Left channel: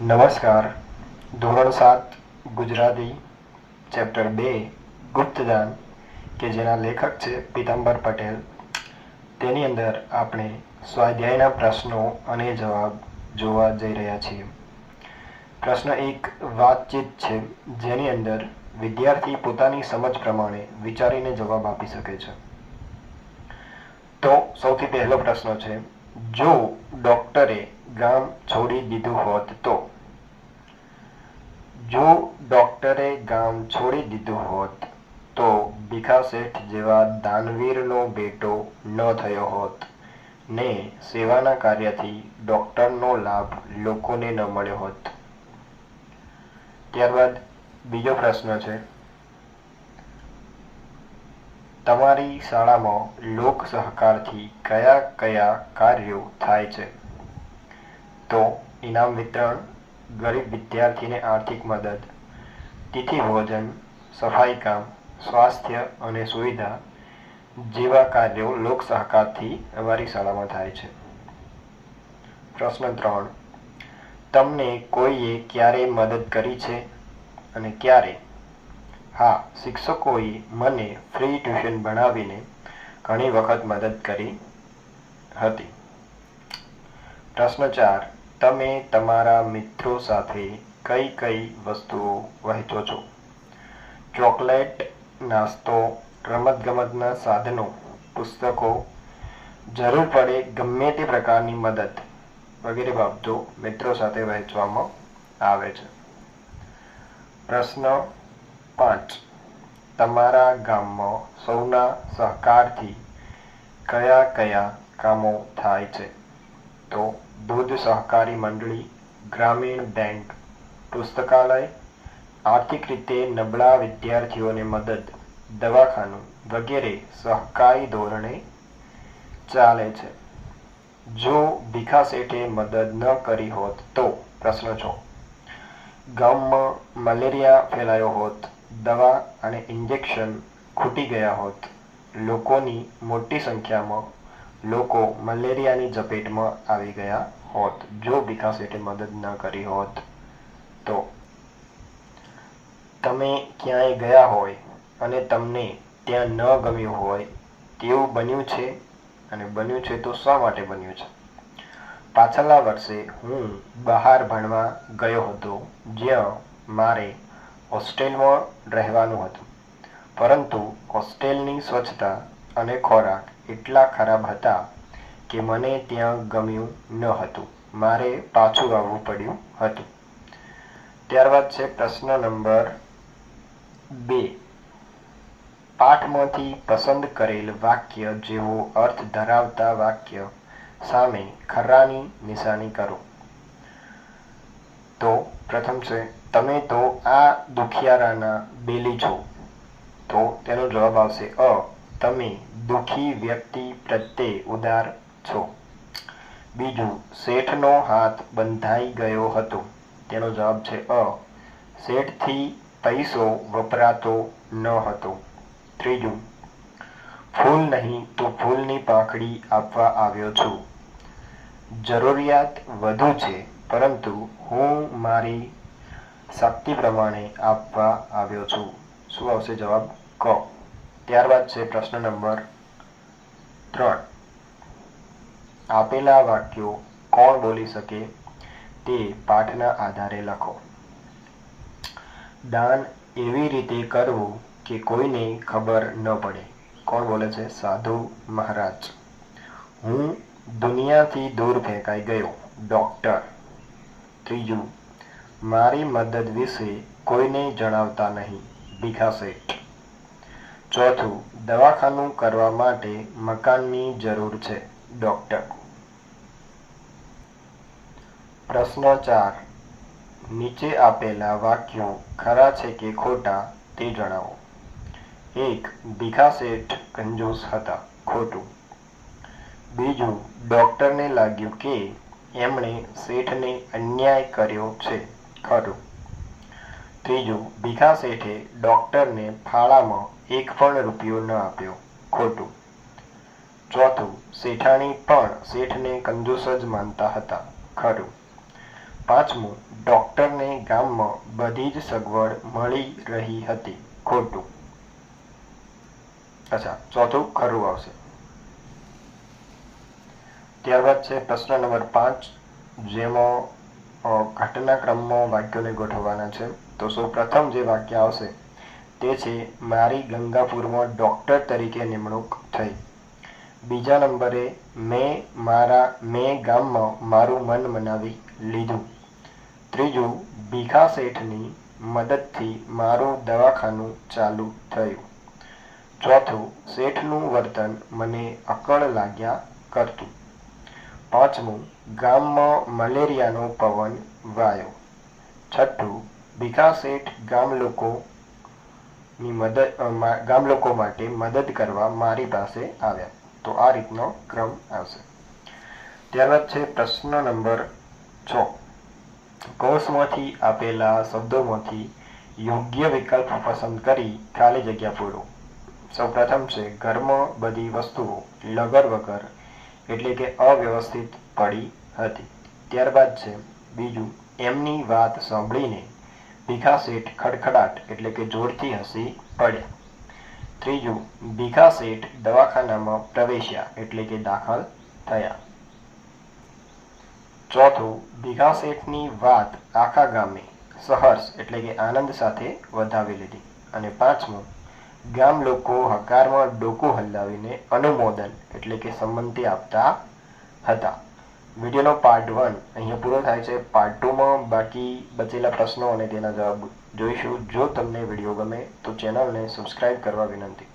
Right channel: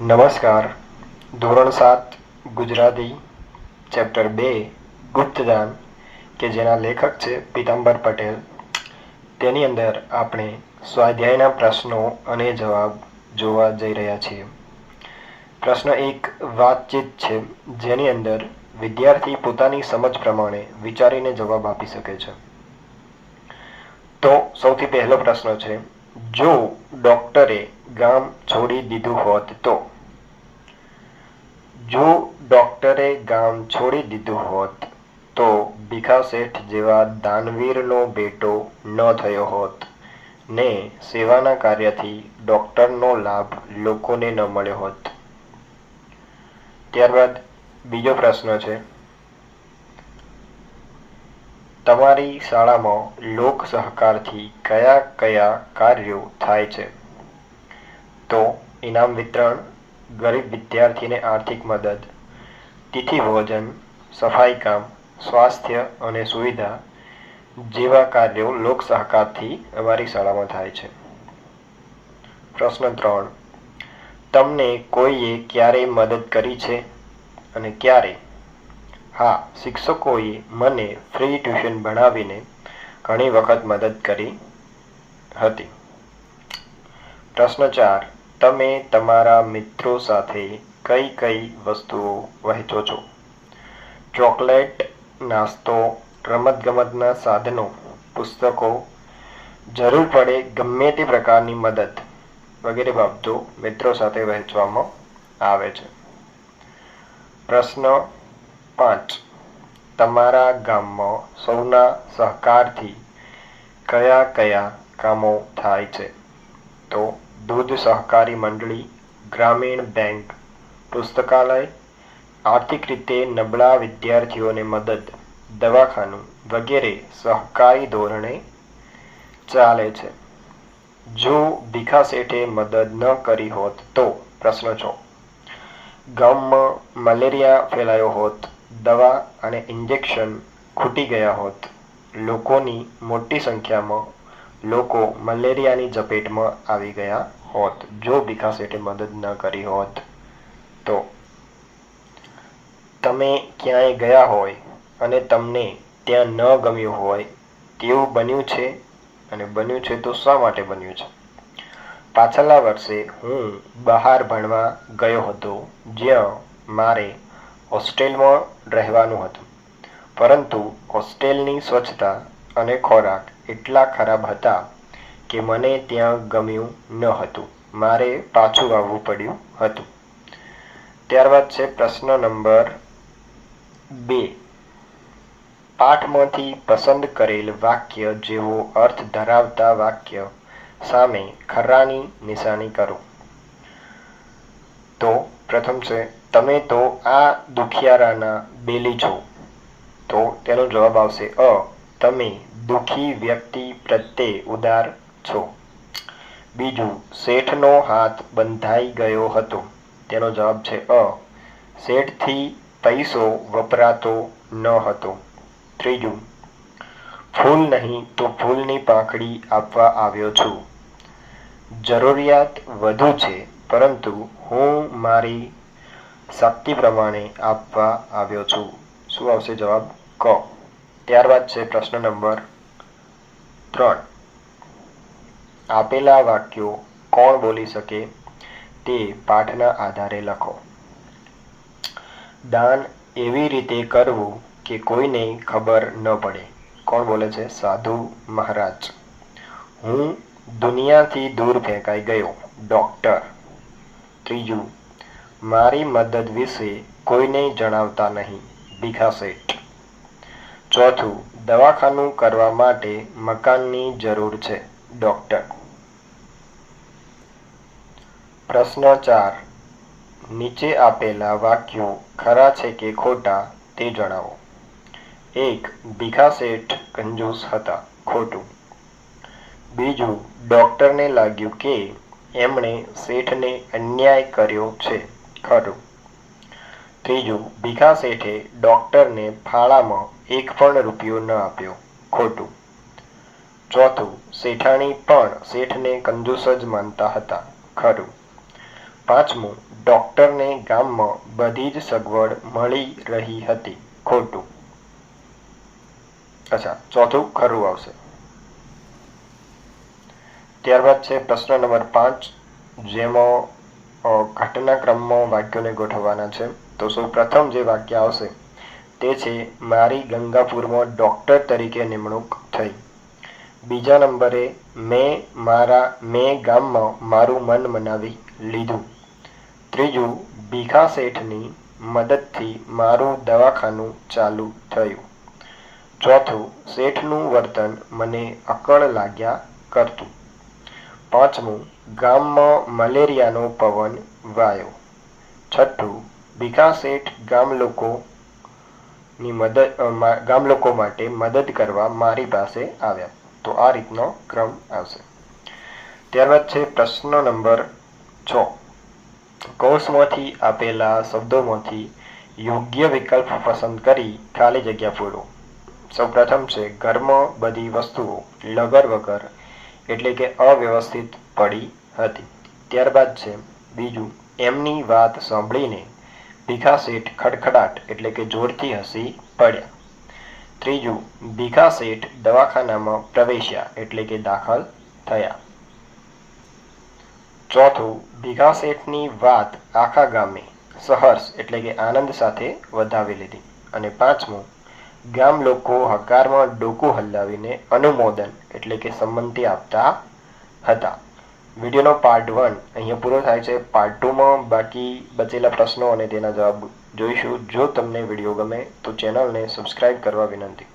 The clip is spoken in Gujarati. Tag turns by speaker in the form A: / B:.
A: નમસ્કાર. ધોરણ સાત, ગુજરાતી, ચેપ્ટર બે ગુપ્તદાન કે જેના લેખક છે પીતાંબર પટેલ. તેની અંદર આપણે સ્વાધ્યાયના પ્રશ્નો અને જવાબ જોવા જઈ રહ્યા છીએ. પ્રશ્ન એક, વાતચીત છે, જેની અંદર વિદ્યાર્થી પોતાની સમજ પ્રમાણે વિચારીને જવાબ આપી શકે છે. તો સૌથી પહેલો પ્રશ્ન છે જો ડોક્ટરે ગામ છોડી દીધું હોત તો? જો ડોક્ટરે ગામ છોડી દીધું હોત તો ભીખા શેઠ જેવા દાનવીરનો બેટો ન થયો હોત ને સેવાના કાર્યથી ડોક્ટરનો લાભ લોકોને ન મળ્યો હોત. ત્યારબાદ બીજો પ્રશ્ન છે. તમારી શાળામાં લોક સહકારથી કયા કયા કાર્યો થાય છે? તો ઇનામ વિતરણ, ગરીબ વિદ્યાર્થીને આર્થિક મદદ, તિથિ ભોજન, સફાઈ કામ, સ્વાસ્થ્ય અને સુવિધા જેવા કાર્યો લોક સહકારથી અમારી શાળામાં થાય છે. પ્રશ્ન ત્રણ. તમને કોઈએ ક્યારે મદદ કરી છે અને ક્યારે? હા, શિક્ષકોએ મને ફ્રી ટ્યુશન ભણાવીને ઘણી વખત મદદ કરી હતી. પ્રશ્ન ચાર, તમે તમારા મિત્રો સાથે કઈ કઈ વસ્તુઓ વહેંચો છો? ચોકલેટ, નાસ્તો, રમતગમતના સાધનો, પુસ્તકો, જરૂર પડે ગમે તે પ્રકારની મદદ વગેરે બાબતો મિત્રો સાથે વહેંચવામાં આવે છે. પ્રશ્ન પાંચ. તમારા ગામમાં સૌના સહકારથી કયા કયા કામો થાય છે? તો દૂધ સહકારી મંડળી, ગ્રામીણ બેંક, પુસ્તકાલય, આર્થિક રીતે નબળા વિદ્યાર્થીઓને મદદ, દવાખાનું વગેરે સહકારી ધોરણે ચાલે છે. જો ભીખા શેઠે મદદ ન કરી હોત તો પ્રશ્ન છો. ગામમાં મલેરિયા ફેલાયો હોત દવા અને ઇન્જેક્શન ખૂટી ગયા હોત. લોકોની મોટી સંખ્યામાં લોકો મલેરિયાની ઝપેટમાં આવી ગયા હોત, જો વિકાસ શેઠે મદદ ન કરી હોત. તો તમે ક્યાંય ગયા હોય અને તમને ત્યાં ન ગમ્યું હોય તેવું બન્યું છે? અને બન્યું છે તો શા માટે બન્યું છે? પાછલા વર્ષે હું બહાર ભણવા ગયો હતો, જ્યાં મારે હોસ્ટેલમાં રહેવાનું હતું. પરંતુ હોસ્ટેલની સ્વચ્છતા અને ખોરાક એટલા ખરાબ હતા કે મને ત્યાં ગમ્યું ન હતું. મારે પાછું આવવું પડ્યું હતું. ત્યારબાદ છે પ્રશ્ન નંબર બે. પાઠમાંથી પસંદ કરેલ વાક્ય જેવો અર્થ ધરાવતા વાક્ય સામે ખરાની નિશાની કરો. તો પ્રથમ છે, તમે તો આ દુખિયારાના બેલી છો. તો તેનો જવાબ આવશે, અ, તમે દુખી વ્યક્તિ પ્રત્યે ઉદાર છો. બીજું, શેઠનો હાથ બંધાઈ ગયો હતો. તેનો જવાબ છે, અ, શેઠથી પૈસો વપરાતો ન હતો. ત્રીજું, ફૂલ નહીં તો ફૂલની પાંખડી આપવા આવ્યો છું. જરૂરિયાત વધુ છે પરંતુ હું મારી શક્તિ પ્રમાણે આપવા આવ્યો છું. શું આવશે જવાબ? ક. ત્યારબાદ છે પ્રશ્ન નંબર ત્રણ. આપેલા વાક્યો કોણ બોલી શકે તે પાઠના આધારે લખો. દાન એવી રીતે કરવું કે કોઈને ખબર ન પડે. કોણ બોલે છે? સાધુ મહારાજ. હું દુનિયાથી દૂર ફેંકાઈ ગયો. ડોક્ટર. ત્રીજું, મારી મદદ વિશે કોઈને જણાવતા નહીં. ભીખા શેઠ. ચોથું, દવાખાનું કરવા માટે મકાનની જરૂર છે. ડોક્ટર. પ્રશ્ન ચાર, નીચે આપેલા વાક્યો ખરા છે કે ખોટા તે જણાવો. એક, ભીખા શેઠ કંજૂસ હતા, ખોટું. બીજું, ડોક્ટરને લાગ્યું કે એમણે શેઠને અન્યાય કર્યો છે. ખરું. ત્રીજું, ભીખા શેઠે ડોક્ટરને ફાળામાં એક પણ રૂપિયો ન આપ્યો. ખોટું. ચોથું, શેઠાણી પણ શેઠને કંજૂસ જ માનતા હતા. ખરું. પાંચમું, ડોક્ટરને ગામમાં બધી જ સગવડ મળી રહી હતી. ખોટું. અચ્છા, ચોથું ખરું આવશે. ત્યારબાદ છે પ્રશ્ન નંબર પાંચ, જેમાં ઘટનાક્રમમાં વાક્યોને ગોઠવવાના છે. તો સૌ પ્રથમ જે વાક્ય આવશે, તે છે, મારી ગંગાપુરમાં ડૉક્ટર તરીકે નિમણૂક થઈ. બીજા નંબરે, મેં મારા, મેં ગામમાં મારું મન મનાવી લીધું. ત્રીજું, ભીખા શેઠની મદદથી મારું દવાખાનું ચાલુ થયું. ચોથું, શેઠનું વર્તન મને અકળ લાગ્યા કરતું. પાંચમું, ગામમાં મલેરિયાનો પવન વાયો છઠ્ઠું ભીખા શેઠ ગામ લોકોની મદદ ગામ લોકો માટે મદદ કરવા મારી પાસે આવ્યા. તો આ રીતનો ક્રમ આવશે. ત્યારબાદ છે પ્રશ્ન નંબર છ. કોષમાંથી આપેલા શબ્દોમાંથી યોગ્ય વિકલ્પ પસંદ કરી ખાલી જગ્યા પૂરો સૌપ્રથમ છે ઘરમાં બધી વસ્તુઓ લગર વગર એટલે કે અવ્યવસ્થિત પડી હતી. ત્યારબાદ છે, બીજું, એમની વાત સાંભળીને ભીખા શેઠ ખડખડાટ એટલે કે જોરથી હસી પડ્યા. ત્રીજું, ભીખા શેઠ દવાખાનામાં પ્રવેશ્યા એટલે કે દાખલ થયા. ચોથું, ભીખા શેઠની વાત આખા ગામે સહર્ષ એટલે કે આનંદ સાથે વધાવી લીધી. અને પાંચમું ગામ લોકો હકારમાં ડોકું હલાવીને અનુમોદન એટલે કે સંમતિ આપતા હતા. વિડીયોનો પાર્ટ વન અહીંયા પૂરો થાય છે. પાર્ટ ટુમાં બાકી બચેલા પ્રશ્નો અને તેના જવાબ જોઈશું. જો તમને વીડિયો ગમે તો ચેનલને સબસ્ક્રાઇબ કરવા વિનંતી.